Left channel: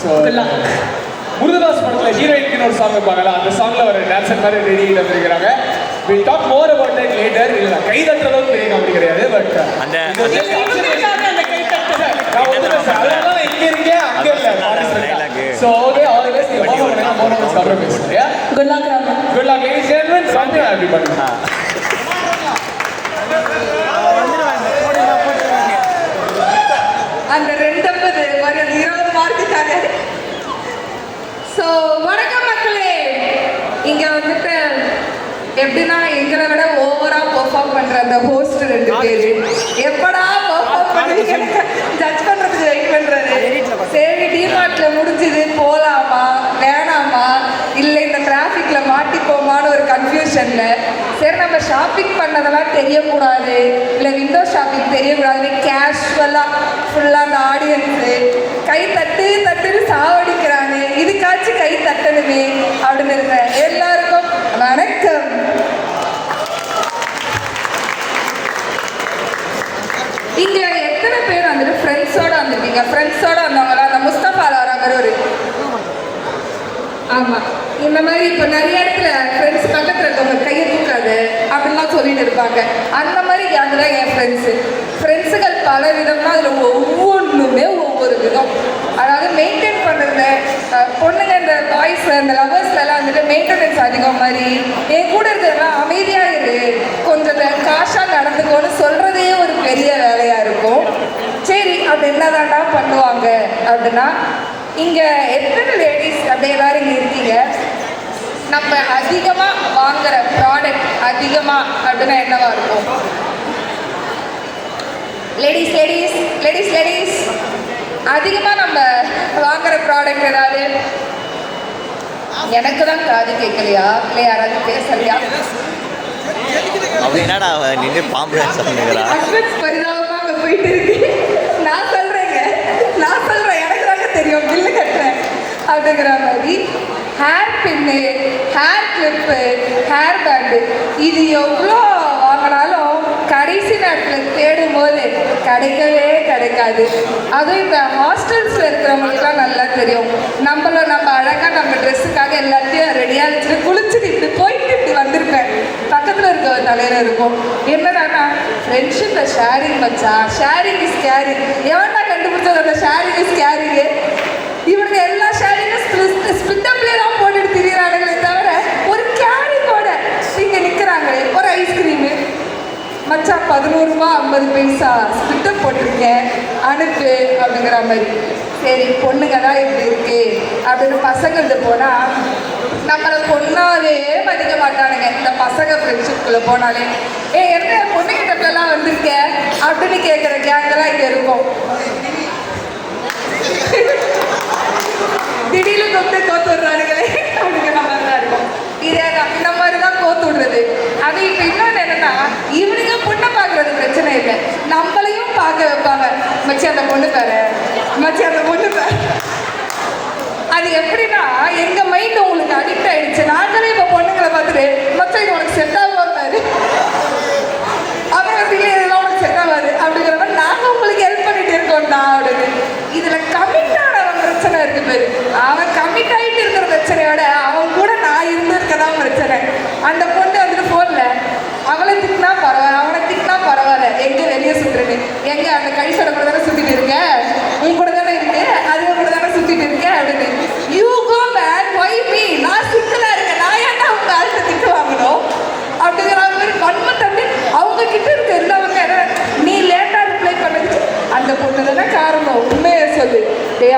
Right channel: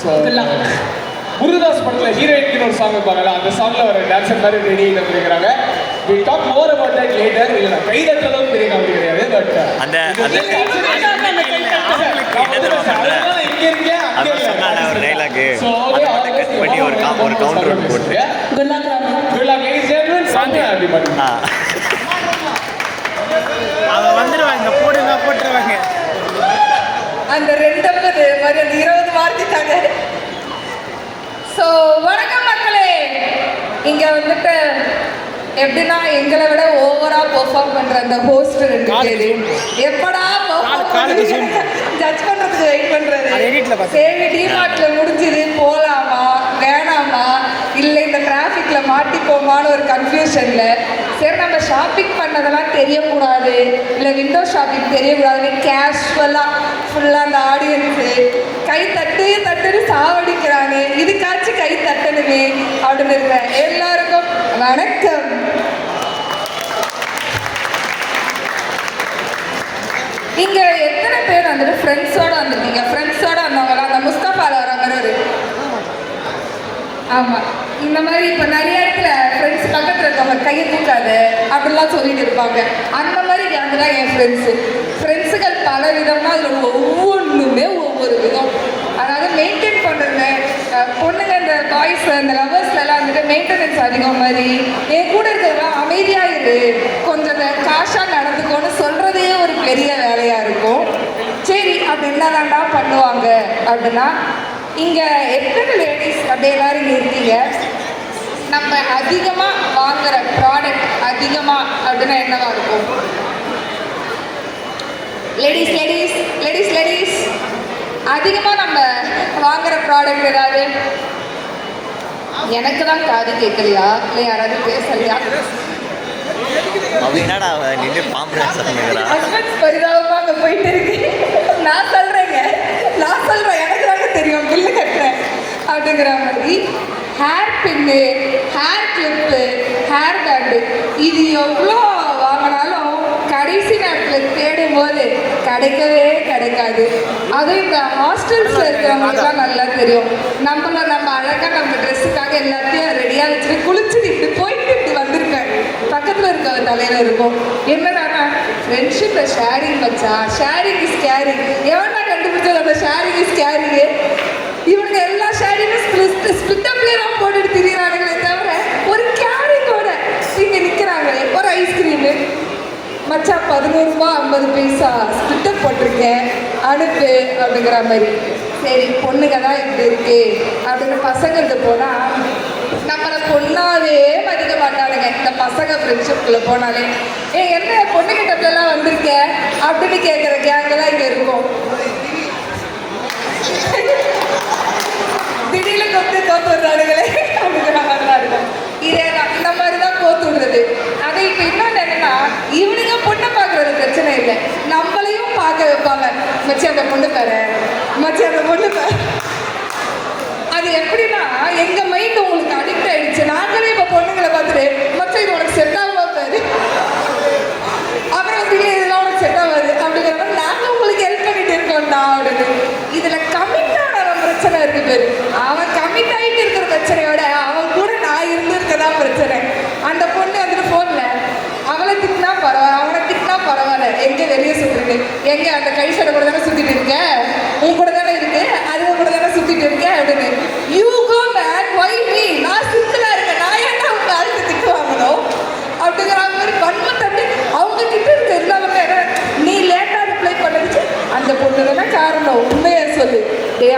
So Murugadoss படத்தில் ஹீரோயின்க்கு ஒரு song வைப்பாங்கல்ல, அந்த சாங்கில் வர டான்ஸர் மாதிரி ரெடியில் வந்துருக்கிறாங்க. Will talk more about that later. இல்லை நான் கை தட்டுற அளவுக்கு பெரிய காமெடி கிடையாது, பட் அந்த இங்கே இருக்கேன் அங்கே இல்லை. So always good luck ladies and gentlemen. Song அப்படி பண்ணுங்க. அந்த 250 மாதிரி அந்த 20 மார்க்குக்காக. ஸோ வணக்கம் மக்களே. இங்கே வந்துட்டு எப்படின்னா எங்களை விட ஓவராக பெர்ஃபார்ம் பண்ணுற அந்த ஹோஸ்ட் 2 பேர் எப்படா பெர்ஃபார்ம் பண்ணி ஜட்ஜ் பண்ணுறதுக்கு வெயிட் பண்ணுறாரு. சரி டிமார்ட்டில் முடிஞ்சுது போகலாமா வேணாமா இல்லை இந்த டிராஃபிக்கில் மாட்டிப்போமான்னு ஒரு கன்ஃபியூஷனில் சரி நம்ம ஷாப்பிங் பண்ணதெல்லாம் தெரியக்கூடாது, இல்லை விண்டோ ஷாப்பிங் தெரியக்கூடாதுன்னு கேஷுவலாக ஃபுல்லாக அந்த ஆடியன்ஸு கை தட்டுன்னு சாவடிக்கிறானே, இதுக்காச்சும் கை தட்டணுமே அப்படின்னு இருக்கேன். எல்லாருக்கும் வணக்கம். இங்கே எத்தனை பேர் வந்துட்டு ஃப்ரெண்ட்ஸோடு வந்திருக்கீங்க? ஃப்ரெண்ட்ஸோடு வந்தவங்களா? அந்த முஸ்தபாவில் வர மாதிரி ஒரு ஆமாம் இந்த மாதிரி இப்போ நிறைய இடத்துல ஃப்ரெண்ட்ஸ் பக்கத்தில் இருக்கவங்க கையை தூக்காது அப்படிலாம் சொல்லிட்டு இருப்பாங்க. அந்த மாதிரி கேங்கு தான் என் ஃப்ரெண்ட்ஸுகள் பல விதமாக அதில் ஒவ்வொன்றுமே ஒவ்வொரு விதம். அதாவது மெயின்டைன் பண்ணுறது பொண்ணுங்க இந்த பாய்ஸ் அந்த லவர்ஸ்லாம் வந்துட்டு மெயின்டெனன்ஸ் அதிகம் மாதிரி என் கூட இருக்கிறதெல்லாம் அமைதியாக இரு கொஞ்சம் காஷாக நடந்துக்கோன்னு சொல்கிறதே ஒரு பெரிய வேலையாக இருக்கும். சரி அப்படி என்னதான்டா பண்ணுவாங்க அப்படின்னா இங்கே எத்தனை லேடிஸ் அப்படி எல்லாரும் இங்கே இருக்கீங்க? நம்ம அதிகமாக வாங்குகிற ப்ராடக்ட் அதிகமாக அப்படின்னா என்னவா இருக்கும்? லேடிஸ் அதிகமாக நம்ம வாங்குகிற ப்ராடக்ட் ஏதாவது? எனக்கு தான் காது கேட்கலையா இல்லை யாராவது பேசலையா? பரிதாபமாக அங்கே போயிட்டு இருக்கு. நான் சொல்கிறேன் எனக்கு தாங்க தெரியும் பில்லு கட்டுறேன் அப்படிங்கிற மாதிரி. ஹேர் பின்னு, ஹேர் கிளிப்பு, ஹேர் பேண்டு இது எவ்வளோ வாங்கினாலும் கடைசி நேரத்தில் தேடும்போது கிடைக்காது. அதுவும் இந்த ஹாஸ்டல்ஸில் இருக்கிறவங்களுக்குலாம் நல்லா தெரியும். நம்ம அழகாக நம்ம ட்ரெஸ்ஸுக்காக எல்லாத்தையும் ரெடியாக வச்சுட்டு குளிச்சுட்டு இப்படி போயிட்டு இப்படி வந்திருக்கேன். பக்கத்தில் இருக்க ஒரு தலையில் இருக்கும் என்னடானா ஃப்ரெண்ட்ஷிப்பை ஷேரிங் வச்சா ஷேரிங் இஸ் கேரிங். எவனா கண்டுபிடிச்சது அந்த ஷேரிங் இஸ் கேரிங்கு? இவங்க எல்லா ஷேரிங்கும் ஸ்பிட்டப்லேயே தான் போட்டுட்டு திரியிறாங்களே தவிர ஒரு கேரிங்கோட இங்கே நிற்கிறாங்க. ஒரு ஐஸ்கிரீமு மச்சா 11 ரூபா 50 பைசா ஸ்பிட்டப் போட்டிருக்கேன் அனுப்பு அப்படிங்கிற மாதிரி. சரி பொண்ணுங்க தான் இப்படி இருக்கு அப்படின்னு பசங்கள்கிட்ட போனால் நம்மளை பொண்ணாவே மதிக்க மாட்டானுங்க. இந்த பசங்க ஃப்ரெண்ட்ஷிப்புக்குள்ளே போனாலே என்ன பொண்ணுகிட்டப்பெல்லாம் வந்திருக்க அப்படின்னு கேட்குற கேங்கெல்லாம் இங்கே இருக்கும். திடீர்னு தோத்து விடுறானுங்களே அப்படிங்கிற மாதிரி தான் இருக்கும். இதே தான் இந்த மாதிரி தான் கோத்து விடுறது. அது இப்போ இன்னொன்று என்னென்னா இவனுங்க பொண்ணை பார்க்குறது பிரச்சனை இல்லை, நம்மளையும் பார்க்க வைப்பாங்க. மச்சி அந்த பொண்ணு பாரு. அது எப்படின்னா எங்கள் மைண்ட் உங்களுக்கு அடிக்ட் ஆகிடுச்சு. நாங்களே இப்போ பொண்ணுங்களை பார்த்துட்டு மொத்தம் இது உனக்கு செட் ஆகாது அப்புறம் வந்துட்டு இதெல்லாம் உனக்கு செட் ஆகாது அப்படிங்கிற மாதிரி நாங்கள் உங்களுக்கு ஹெல்ப் பண்ணிட்டு இருக்கோம்டா அப்படின்னு. இதில் கமிட் ஆனவன் பிரச்சனை இருக்கு பேர். அவன் கமிட் ஆகிட்டு இருக்கிற பிரச்சனையோட அவன் கூட நான் இருந்திருக்கதான் பிரச்சனை. அந்த பொண்ணு வந்துட்டு ஃபோனில் அவளை திட்டினா பரவாயில்ல அவனை திட்டினா பரவாயில்ல எங்கே வெளியே சுற்றுன்னு எங்கே அந்த கை சடை கூட தானே சுற்றிட்டு இருக்க, உன் கூட தானே இருக்கு, அது கூட தானே சுற்றிட்டு இருக்க அப்படின்னு. You go back why me, நான் சிக்கலாக இருக்கேன், நான் ஏன்னா அவங்க அடுத்த திட்டு வாங்கணும் அப்படிங்கிற மாதிரி வன்மத்தண்டு அவங்க கிட்ட இருக்க எல்லாமே. நீ லேட்டாக ரிப்ளை பண்ணதுக்கு அந்த பொண்ணு தானே காரணம், உண்மையை சொல்லு.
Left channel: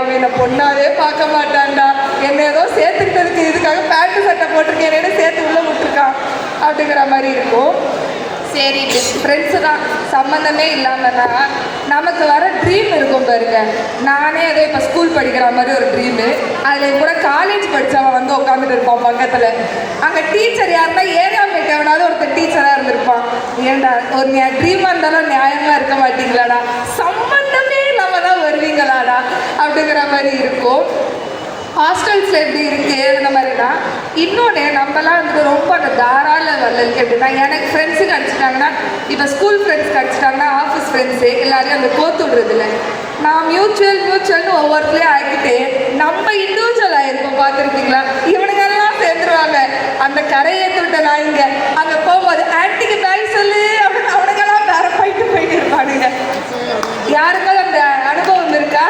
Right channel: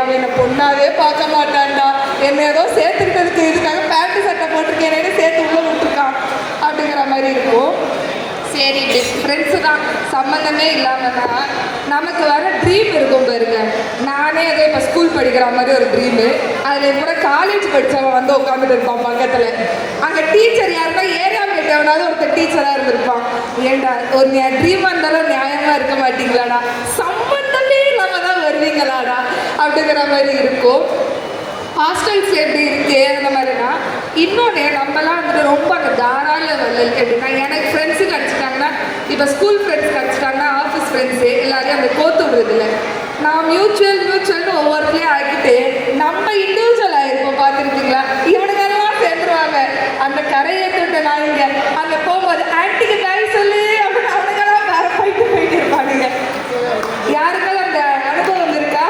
அவன் என்னை பொண்ணாவே பார்க்க மாட்டான்டா, என்னை ஏதோ சேர்த்துக்கிட்டதுக்கு இதுக்காக பேண்ட்டு சட்டை போட்டிருக்கேன் சேர்த்து உள்ளே விட்டுருக்கான் அப்படிங்கிற மாதிரி இருக்கும். சரி ஃப்ரெண்ட்ஸு தான் சம்மந்தமே இல்லாமன்னா நமக்கு வர ட்ரீம் இருக்கும் பாருங்க. நானே அதே இப்போ ஸ்கூல் படிக்கிற மாதிரி ஒரு ட்ரீமு. அதில் கூட காலேஜ் படித்தவன் வந்து உட்காந்துட்டு இருப்பான் பக்கத்தில். அங்கே டீச்சர் யாருன்னா ஏரியா மேட் எவனாவது ஒருத்தர் டீச்சராக இருந்திருப்பான். ஏண்டா ஒரு ட்ரீமாக இருந்தாலும் நியாயமாக இருக்க மாட்டீங்களாடா, சம்மந்தமே இல்லாமல் தான் வருவீங்களாடா அப்படிங்கிற மாதிரி இருக்கும். ஹாஸ்டல்ஸில் எப்படி இருக்குது அந்த மாதிரினா. இன்னொன்று நம்மலாம் வந்துட்டு ரொம்ப அந்த தாராள வல்லருக்கு எப்படின்னா எனக்கு ஃப்ரெண்ட்ஸு கிடச்சிட்டாங்கன்னா இப்போ ஸ்கூல் ஃப்ரெண்ட்ஸ் கிடச்சிட்டாங்கன்னா ஆஃபீஸ் ஃப்ரெண்ட்ஸு எல்லாரையும் அந்த கோத்து விடுறதில்ல. நான் மியூச்சுவல்னு ஒவ்வொருத்தரையும் ஆக்கிட்டு நம்ம இண்டிவிஜுவல் ஆயிருப்போம். பார்த்துருப்பீங்களா? இவனுங்கெல்லாம் சேர்ந்துருவாங்க. அந்த கரையேற்றி விட்ட நான் இங்கே அங்கே போகும்போது ஆன்டிக்கு தாய் சொல்லு அப்படின்னு அவனுங்கெல்லாம் வேற போயிட்டு இருப்பானுங்க. யாருக்காவது அந்த அனுபவம் இருக்கா?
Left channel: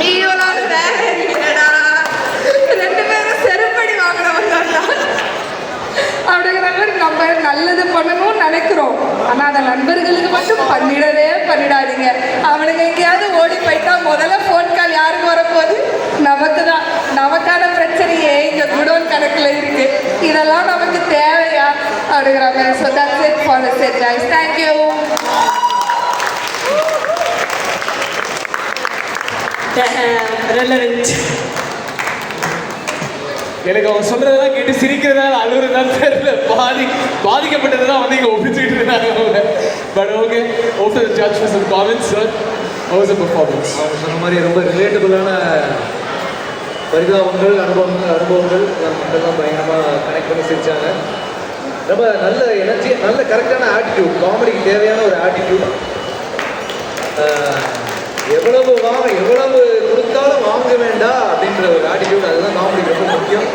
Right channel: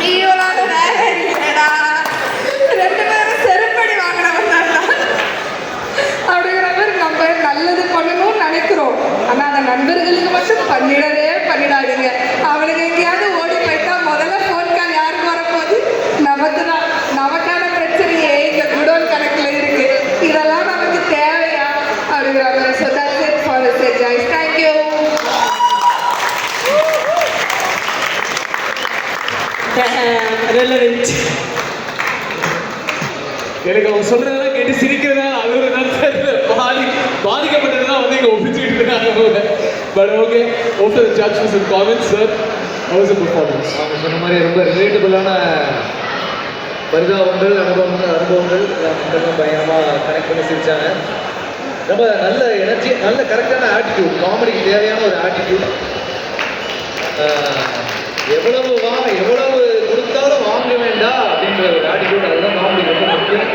நீயோட வேற இல்லைடா, 2 பேரும் செருப்படி வாங்கினவங்க அப்படிங்கிற மாதிரி நம்ம நல்லது பண்ணணும்னு நினைக்கிறோம். ஆனால் அந்த நண்பர்களுக்கு மட்டும் பண்ணிடாதீங்க. அவனுங்க எங்கேயாவது ஓடி போயிட்டா முதல்ல ஃபோன் கால் யாருக்கு வரப்போகுது? நமக்கு தான். நமக்கான பிரச்சனையே இங்கே குடோன் கணக்கில் இருக்கு. இதெல்லாம் நமக்கு தேவையா அப்படிங்கிற மாதிரி. So that's it for this set guys. Thank you. relevant. எனக்கு அவங்க சொல்றதெல்லாம் கேட்டு சிரிக்கிறதால அழுகுறதால தெரியல. பாதிக்கப்பட்டதுதான் வந்து இங்க ஒப்பிச்சுட்டு இருந்தாங்க அவங்க. But okay, okay, judge for some comments sir. How was the performance? அவங்க சொன்ன மாதிரி ரொம்ப ரிலேட்டபிளான பரிதாபங்கள், அனுபவங்கள் மக்கள்லாம் பயங்கரமாக கனெக்ட் பண்ணி சிரிச்சாங்க. ரொம்ப நல்ல எனர்ஜி, நல்ல கரெக்டான ஆட்டிடியூட், காமெடிக்கு தேவையான ஒரு ஆட்டிடியூட். எவ்வளவு கொடுத்தாலும் வாங்க வேண்டாம் அப்படின்ற ஒரு ஆட்டிடியூட், அதுதான் காமெடி ரொம்ப முக்கியம்.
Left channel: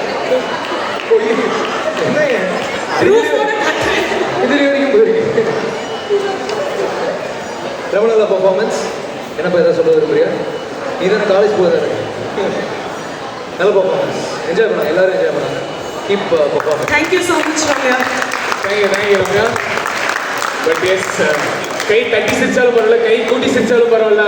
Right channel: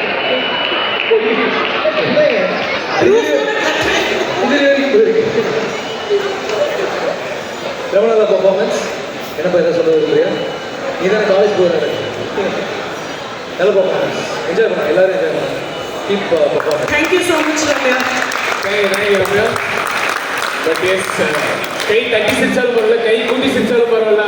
இது வரைக்கும் போயிருக்கு. ரொம்ப நல்ல பர்ஃபார்மன்ஸ். என்னப்பா எதாவது சொல்ல விரும்புறியா? நீ தானே காலேஜ் போகிறது. நல்ல பர்ஃபார்மன்ஸ், என்ஜாய் பண்ணாங்க, எல்லாரும் என்ஜாய் பண்ணாங்க. Keep performance. Thank you so much, Ramya. Thank you Ramya. But yes, கை தட்டி சிரிச்சாலும் பரவாயில்ல, கை கூட்டி சிரிச்சாலும் பரவாயில்ல.